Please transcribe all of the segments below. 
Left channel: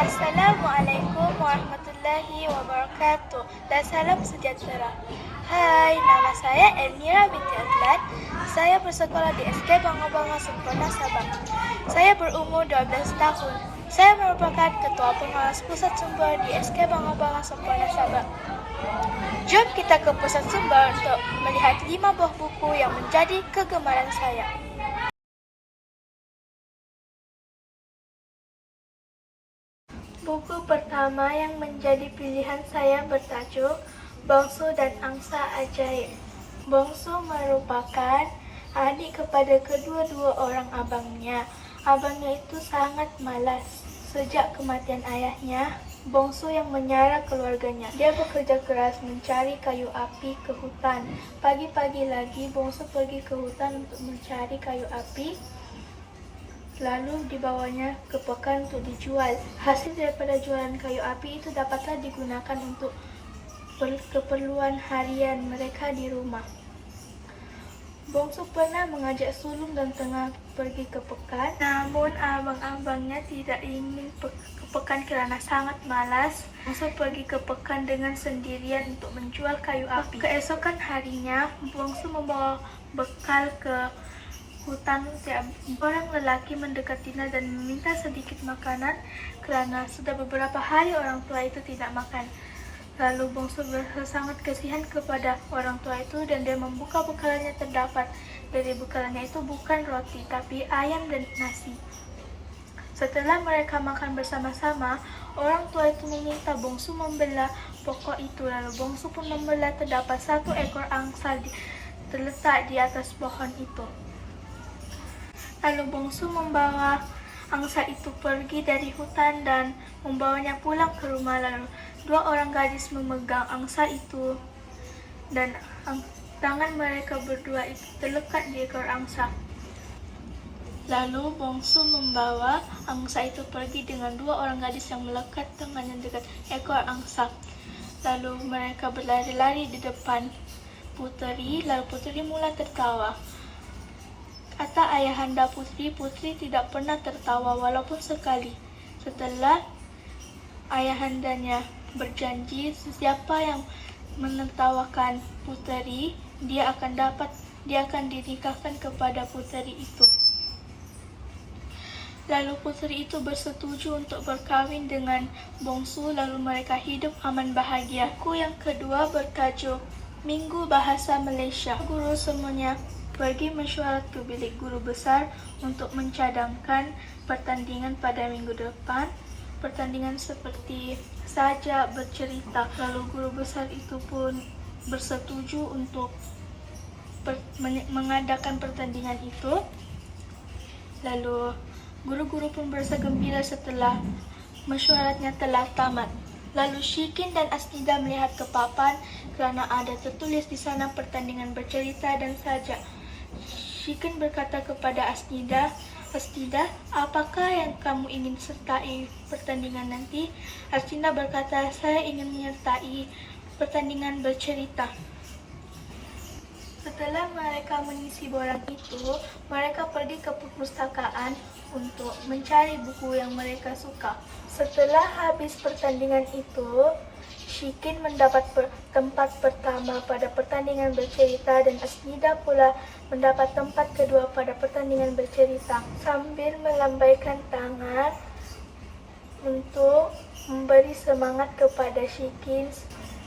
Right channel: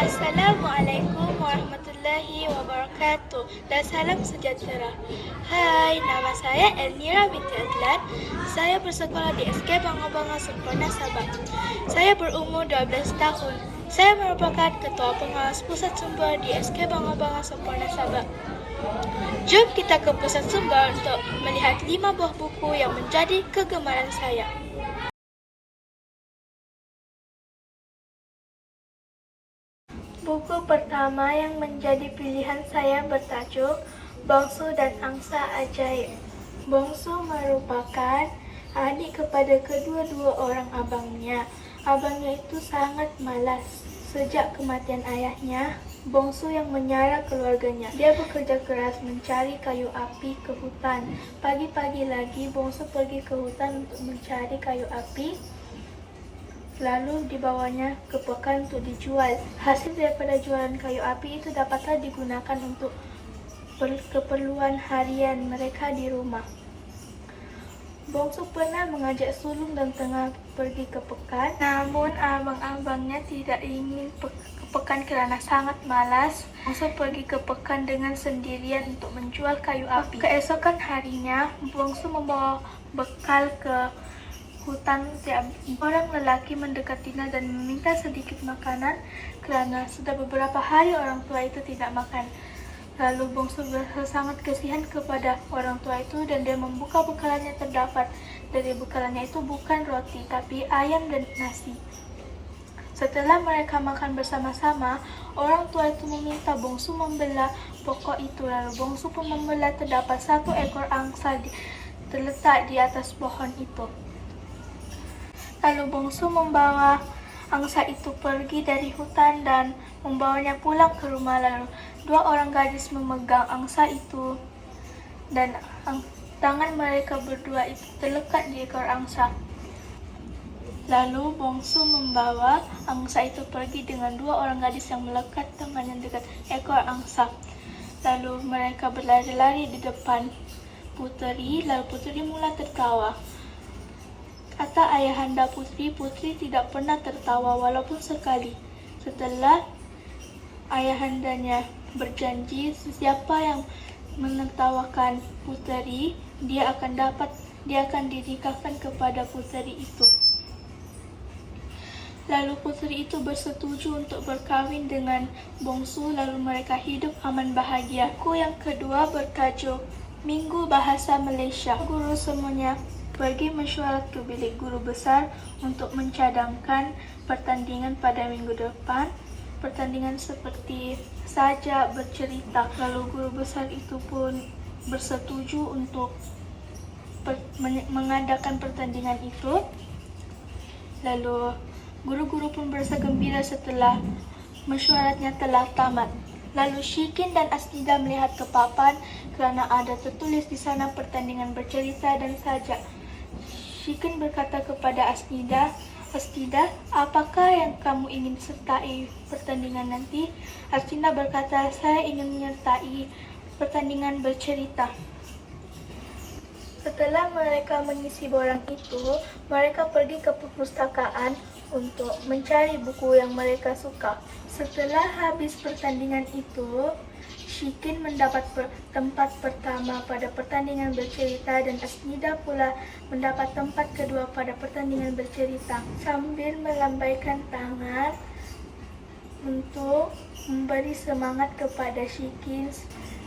Assalamualaikum warahmatullahi wabarakatuh dan salam sejahtera. Hai, nama saya Elmira binti Adlan. Saya bersekolah di SK Bangga-Bangga Sempurna Sabah. Saya berumur 12 tahun. Saya merupakan Ketua Pengawas Pusat Sumber di SK Bangga-Bangga Sempurna Sabah. Jom kita ke Pusat Sumber untuk melihat 5 buah buku yang menjadi kegemaran saya. Buku pertama yang menjadi pilihan saya bertajuk Bongsu dan Angsa Ajaib. Bongsu merupakan adik kepada kedua-dua orang abangnya. Abangnya itu sangat malas. Sejak kematian ayahnya, Bongsu yang menyara keluarganya. Dia bekerja keras mencari kayu api ke hutan. Pagi-pagi lagi, Bongsu pergi ke hutan untuk mencari kayu api. Lalu dibawanya ke pekan untuk dijual. Hasil daripada jualan kayu api itu dapatlah digunakan untuk keperluan harian mereka di rumah. Bongsu pernah mengajak sulung dan tengah pergi ke pekan. Namun abang-abangnya tidak ingin ke pekan kerana sangat malas. Bongsu pergi ke pekan dengan sendirian untuk menjual kayu api. Keesokan harinya, Bongsu membawa bekal ke hutan. Orang lelaki mendekatinya dan meminta sedikit makanan kerana sudah beberapa hari orang tua itu tidak makan. Lalu Bongsu berasa sangat kasihan kepada orang tua itu dan dia membuka bekalannya. Terdapat dari bekalannya itu bukan roti tapi ayam dan nasi. Setelah mereka makan bersama-sama, orang tua itu meminta Bongsu membelah pokok itu. Lalu Bongsu pun membelah. Terdapat 1 ekor angsa terletak di atas pohon itu. Lalu Bongsu membawa angsa itu pergi dari hutan dan membawanya pulang ke rumah. Lalu 2 orang gadis memegang angsa itu dan tangan mereka berdua itu terlekat di ekor angsa. Lalu Bongsu membawa angsa itu pergi dengan 2 orang gadis yang melekat tangannya dekat ekor angsa. Lalu mereka berlari-lari di depan puteri. Lalu puteri mula tertawa. Kata ayahanda putri, putri tidak pernah tertawa walaupun sekali. Setelah ayahandanya berjanji, siapa yang menertawakan puteri, dia akan dinikahkan kepada puteri itu. Lalu puteri itu bersetuju untuk berkahwin dengan Bongsu. Lalu mereka hidup aman bahagia. Buku yang kedua bertajuk Minggu Bahasa Malaysia. Guru semuanya pergi mesyuarat ke bilik guru besar untuk mencadangkan pertandingan pada minggu depan. Pertandingan seperti sajak, bercerita. Lalu guru besar itu pun bersetuju untuk mengadakan pertandingan itu. Lalu guru-guru pun berasa gembira setelah mesyuaratnya telah tamat. Lalu Syikin dan Asnida melihat ke papan kerana ada tertulis di sana pertandingan bercerita dan sajak. Syikin berkata kepada Asnida, "Asnida, apakah yang kamu ingin sertai pertandingan nanti?" Asnida berkata, "Saya ingin menyertai pertandingan bercerita." Setelah mereka mengisi borang itu, mereka pergi ke perpustakaan untuk mencari buku yang mereka suka. Setelah habis pertandingan itu, Syikin mendapat tempat pertama pada pertandingan bercerita dan Asnida pula mendapat tempat kedua pada pertandingan bercerita. Sambil melambaikan tangan untuk memberi semangat kepada Syikin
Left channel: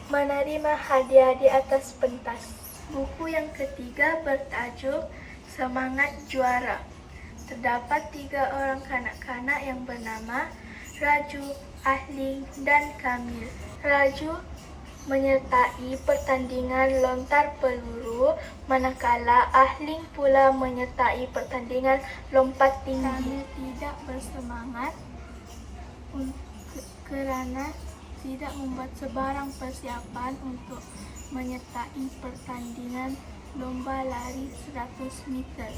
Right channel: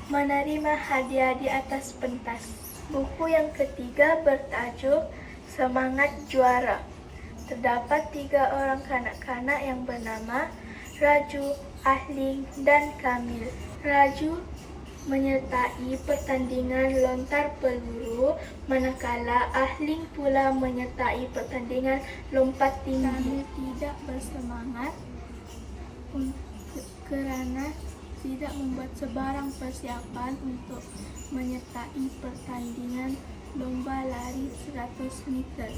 menerima hadiah di atas pentas. Buku yang ketiga bertajuk Semangat Juara. Terdapat 3 orang kanak-kanak yang bernama Raju, Ahling dan Kamil. Raju menyertai pertandingan lontar peluru, manakala Ahling pula menyertai pertandingan lompat tinggi. Kamil tidak bersemangat kerana tidak membuat sebarang persiapan untuk menyertai pertandingan lomba lari 100 meter.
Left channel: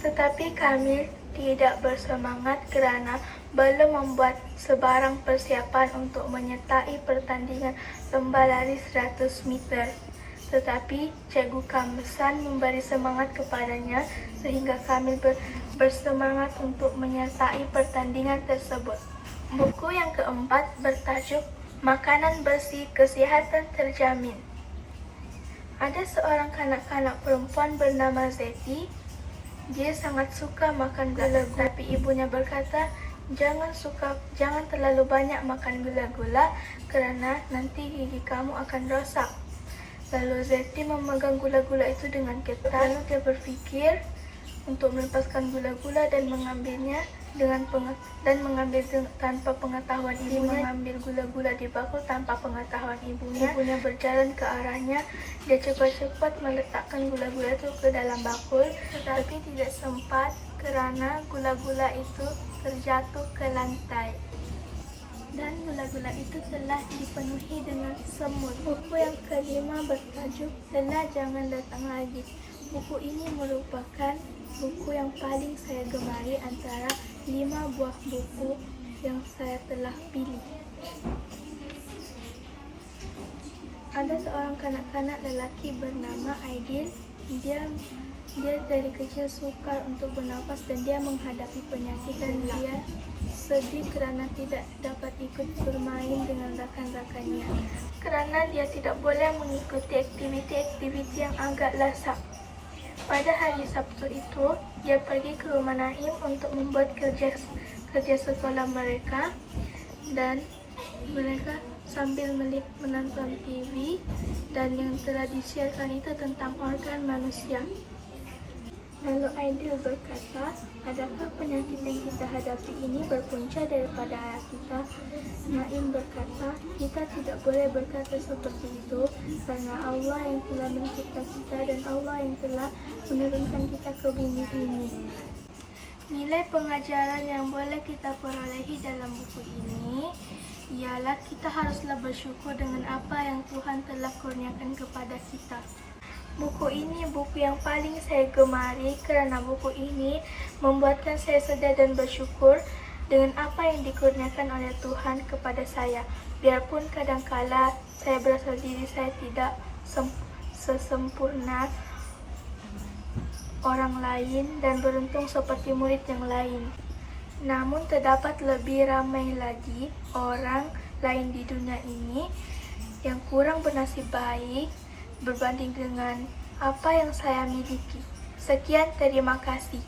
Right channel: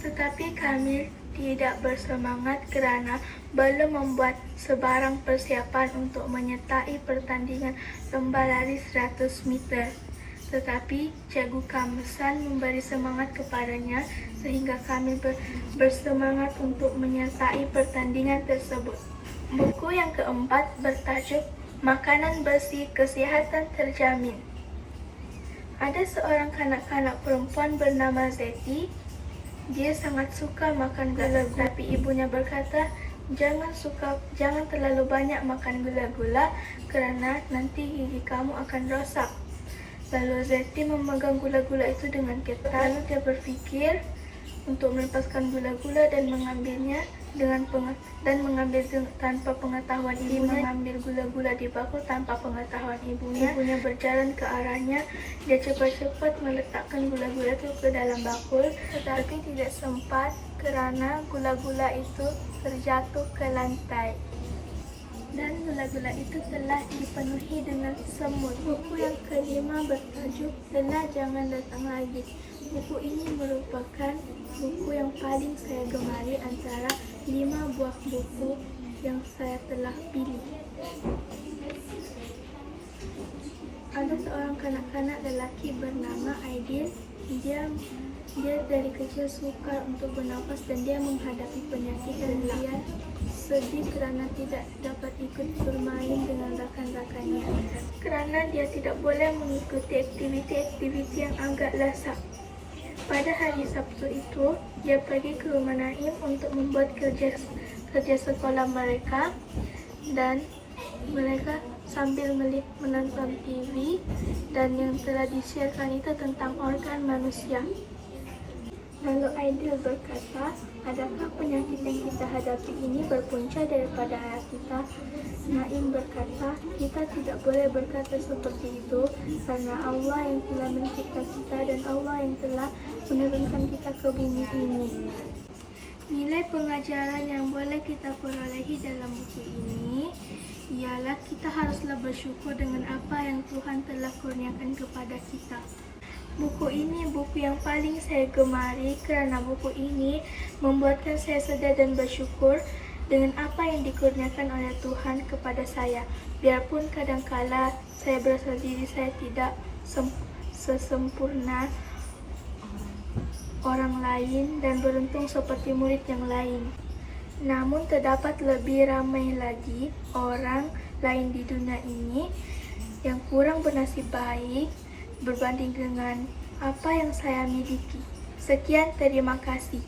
Tetapi Kamil tidak bersemangat kerana belum membuat sebarang persiapan untuk menyertai pertandingan lomba lari 100 meter. Tetapi Cikgu Kamsan memberi semangat kepadanya sehingga Kamil bersemangat untuk menyertai pertandingan tersebut. Buku yang keempat bertajuk Makanan Bersih Kesihatan Terjamin. Ada seorang kanak-kanak perempuan bernama Zeti. Dia sangat suka makan gula-gula, tapi ibunya berkata, jangan terlalu banyak makan gula-gula kerana nanti gigi kamu akan rosak. Lalu Zeti memegang gula-gula itu dengan ketat. Lalu dia berfikir untuk melepaskan gula-gula dan mengambil tanpa pengetahuan ibunya. Mengambil gula-gula di bakul tanpa pengetahuan ibunya. Ibunya berjalan ke arahnya. Dia cepat-cepat meletakkan gula-gula itu ke dalam bakul, tetapi tidak sempat kerana gula-gula itu terjatuh ke lantai. Dan gula-gula itu telah dipenuhi dengan semut. Buku yang kelima bertajuk Telah Jangan Datang Lagi. Buku ini merupakan buku yang paling saya gemari antara 5 buah buku yang saya telah pilih. Ada seorang kanak-kanak lelaki bernama Aidil. Dia dari kecil sukar untuk bernafas dan dia menghadapi penyakit dan dia sedih kerana tidak dapat ikut bermain dengan rakan-rakannya. Kerana dia tidak boleh mengikuti aktiviti-aktiviti yang agak lasak. Pada hari Sabtu itu, dia pergi ke rumah Naim untuk membuat kerja sekolah mereka dan mereka sambil menonton TV dan yang telah disiarkan itu tentang organ manusia. Lalu Aidil berkata, adakah penyakit yang kita hadapi ini berpunca daripada ayah kita? Naim berkata, kita tidak boleh berkata seperti itu karena Allah yang telah mencipta kita dan Allah yang telah menurunkan kita ke bumi ini. Nilai pengajaran yang boleh kita perolehi dalam buku ini ialah kita haruslah bersyukur dengan apa yang Tuhan telah kurniakan kepada kita. Buku ini buku yang paling saya gemari kerana buku ini membuatkan saya sedar dan bersyukur dengan apa yang dikurniakan oleh Tuhan kepada saya. Biarpun kadangkala saya berasa diri saya tidak sesempurna orang lain dan beruntung seperti murid yang lain. Namun terdapat lebih ramai lagi orang lain di dunia ini yang kurang bernasib baik berbanding dengan apa yang saya miliki. Sekian, terima kasih.